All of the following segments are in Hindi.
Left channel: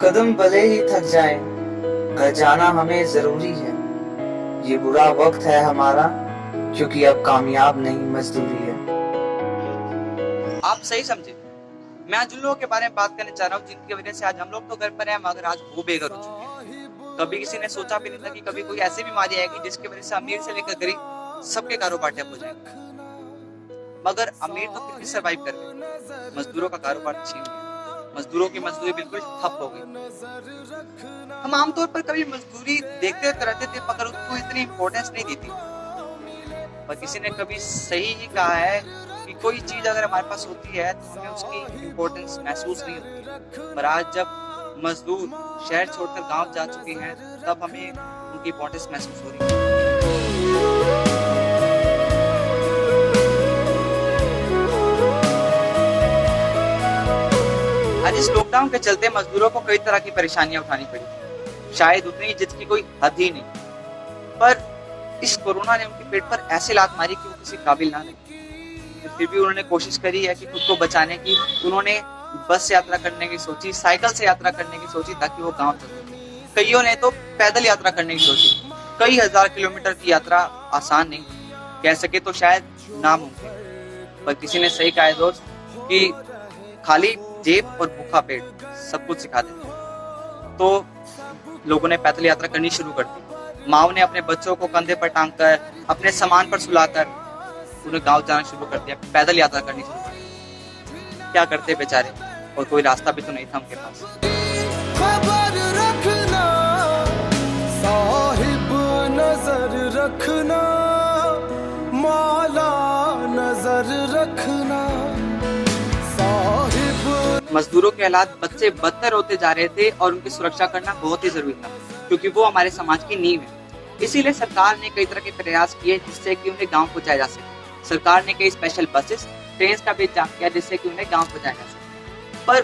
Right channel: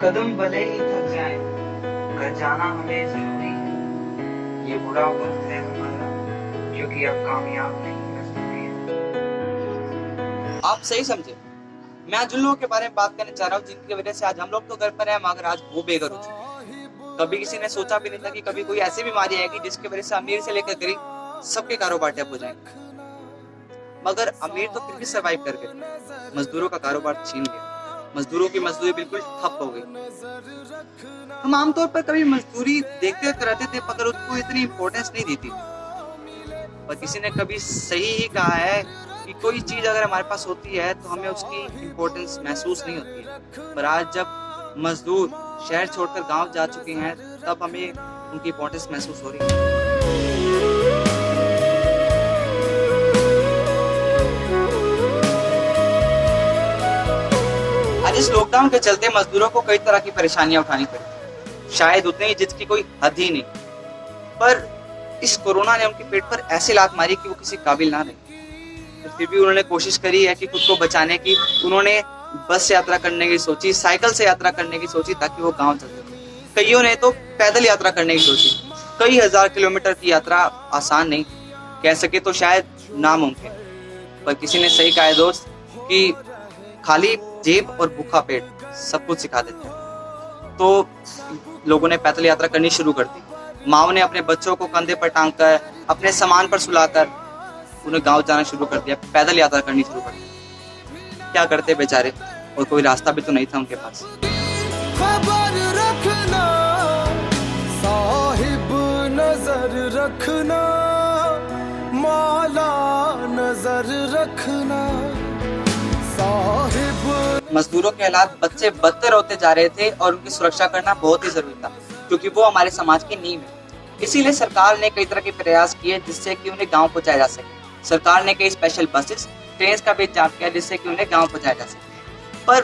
कदम भले ही थक जाए, घर जाना हमें जरूरी है। ये बुरा वक्त है हमारा, क्योंकि अब कामयाब नहीं मजदूरी है। आप सही समझे। मैं आज उन लोगों के बारे में बात करने चाह रहा हूँ जिनकी वजह से आज हम लोग तो घर पर हैं, मगर आज वो बेघर हो चुके हैं। कभी किसी ने सोचा भी नहीं था कि कभी कोई ऐसी बीमारी आएगी जिसकी वजह से अमीर से लेकर गरीब सबके कारोबार ठप हो जाएंगे। मगर अमीर तो फिर भी सर्वाइव कर गए, मजदूरों का कारोबार छीन गया। मजदूरों की मजदूरी बिल्कुल ठप हो गई। हम आमतौर पर कभी मजदूरी देखते रहते थे, मगर उसको इतनी इम्पोर्टेंस नहीं दी थी। पर किसी ने कभी सही ही कहा है कि कोई चीज अगर हमारे पास होती है तो हमें उसकी इम्पोर्टेंस महसूस नहीं होती। पर आज जब मजदूर शहर छोड़कर गांव जा चुके हैं, तब हमें उनकी इम्पोर्टेंस महसूस हो रही है। आज इस लॉकडाउन के चलते मजदूरों को कई तरह की परेशानियां उठानी पड़ी, शायद उतनी ही जिसकी कोई हद ही नहीं। पर इस कोरोना ने उनके पेट पर ऐसी लात मारी कि वो किसी काबिल ना रहे। तो फिर भी उन्होंने कोशिश करी है कि खुद को बचाने की। उन्होंने बस से यात्रा करने की सोची, साइकिल से यात्रा करने की सोची, ताकि वो गांव चल सके। कईयों ने तो पैदल यात्रा करने की सोची। कई हजार किलोमीटर की यात्रा आसान नहीं, कह सके तो शायद नामुमकिन। पर किसी ने सही कहा है दोस्त कि खाली जेब और भूखा पेट सब कुछ सिखा देते हैं। तो लोगों ने पैदल यात्रा करनी शुरू कर दी। माओ ने अपने बच्चों को कंधे पर टांग कर, अपने सामान पर सुलाकर उन्हें गांव जाना शुरू कर दिया, पैदल यात्रा करनी शुरू कर दी। क्या करते बेचारे, और कोई रास्ता भी तो नहीं था उनके पास। खबर रखना साहिब, नजर रखना मौला, नजर रखना साहिब। मजदूरों के हालात बच्चे बदतर होते जा रहे थे और उनकी सुरक्षा करना बहुत ही जरूरी था, क्योंकि वो हमारे समाज की नींव है। इसीलिए सरकार ने कई तरह के प्रयास किए जिससे कि उन्हें गांव पहुंचाया जा सके। सरकार ने कई स्पेशल बसेस, ट्रेन का भी इंतजाम किया जिससे कि उन्हें गांव पहुंचाया जा सके। पर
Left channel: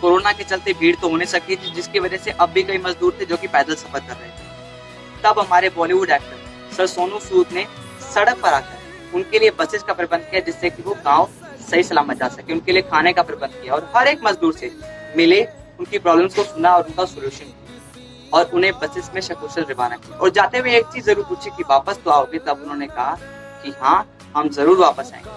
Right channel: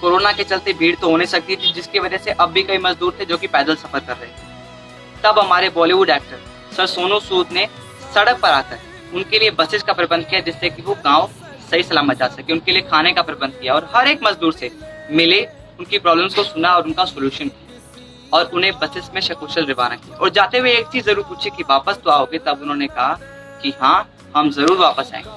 कोरोना के चलते भीड़ तो हो नहीं सकती थी, जिसकी वजह से अब भी कई मजदूर थे जो कि पैदल सफर कर रहे थे। तब हमारे बॉलीवुड एक्टर सर सोनू सूद ने सड़क पर आकर उनके लिए बसेस का प्रबंध किया, जिससे कि वो गाँव सही सलामत जा सके। उनके लिए खाने का प्रबंध किया और हर एक मजदूर से मिले, उनकी प्रॉब्लम्स को सुना और उनका सोल्यूशन किया, और उन्हें बसेस में सकुशल रवाना किया। और जाते हुए एक चीज जरूर पूछी कि वापस तो आओगे? तब उन्होंने कहा कि हाँ, हम जरूर वापस आएंगे।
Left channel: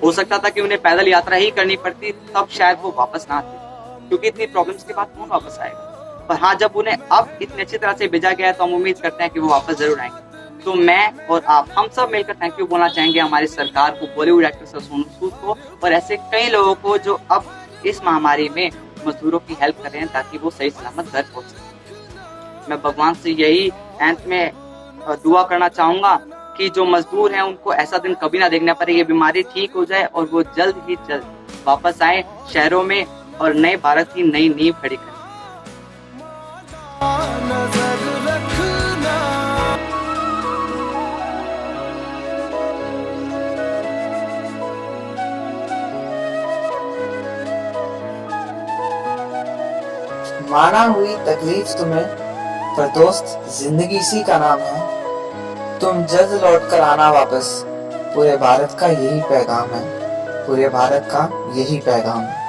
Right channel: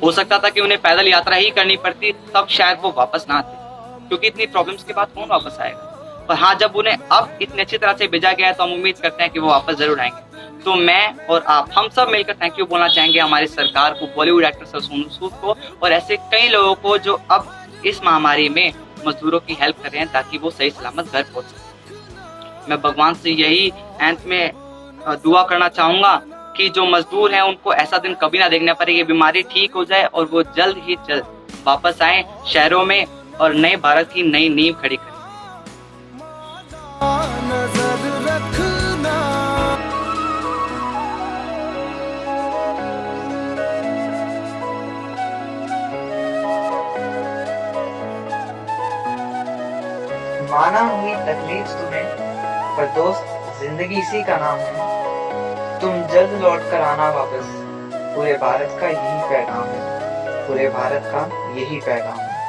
हो सकता था कि उन्हें पैदल यात्रा ही करनी पड़ती, तब शायद वो वापस ना आते, क्योंकि इतनी प्रॉब्लम्स के बाद कौन वापस आएगा। पर हाँ, जब उन्हें अब इतनी अच्छी तरह से भेजा गया है तो हम उम्मीद करते हैं कि वो वापस जरूर आएंगे। तो मैं और आप, हम सब मिलकर थैंक यू बोलना चाहेंगे हमारी सरकार को, बॉलीवुड एक्टर सर सोनू सूद को, और ऐसे कई लोगों को जो अब इस महामारी में मजदूरों की हेल्प कर रहे हैं ताकि वो सही सलामत घर पहुंच सके। मैं भगवान से यही अंत में दुआ करना चाहूंगा कि जो मजदूर हैं उनको ऐसा दिन कभी ना देखना पड़े, ये बीमारी ठीक हो जाए और वो जल्द ही जल्द वापस आए शहरों में और नए भारत की नई नींव खड़ी करें। नजर रखना। माना हुई तकलीफ तुम्हें, पर दोस्त जिंदगी इसी का नाम है। तुम जल्द लौट कर आना वापस, पूरे भारत का यही पैगाम है, पूरे भारत का यही पैगाम है।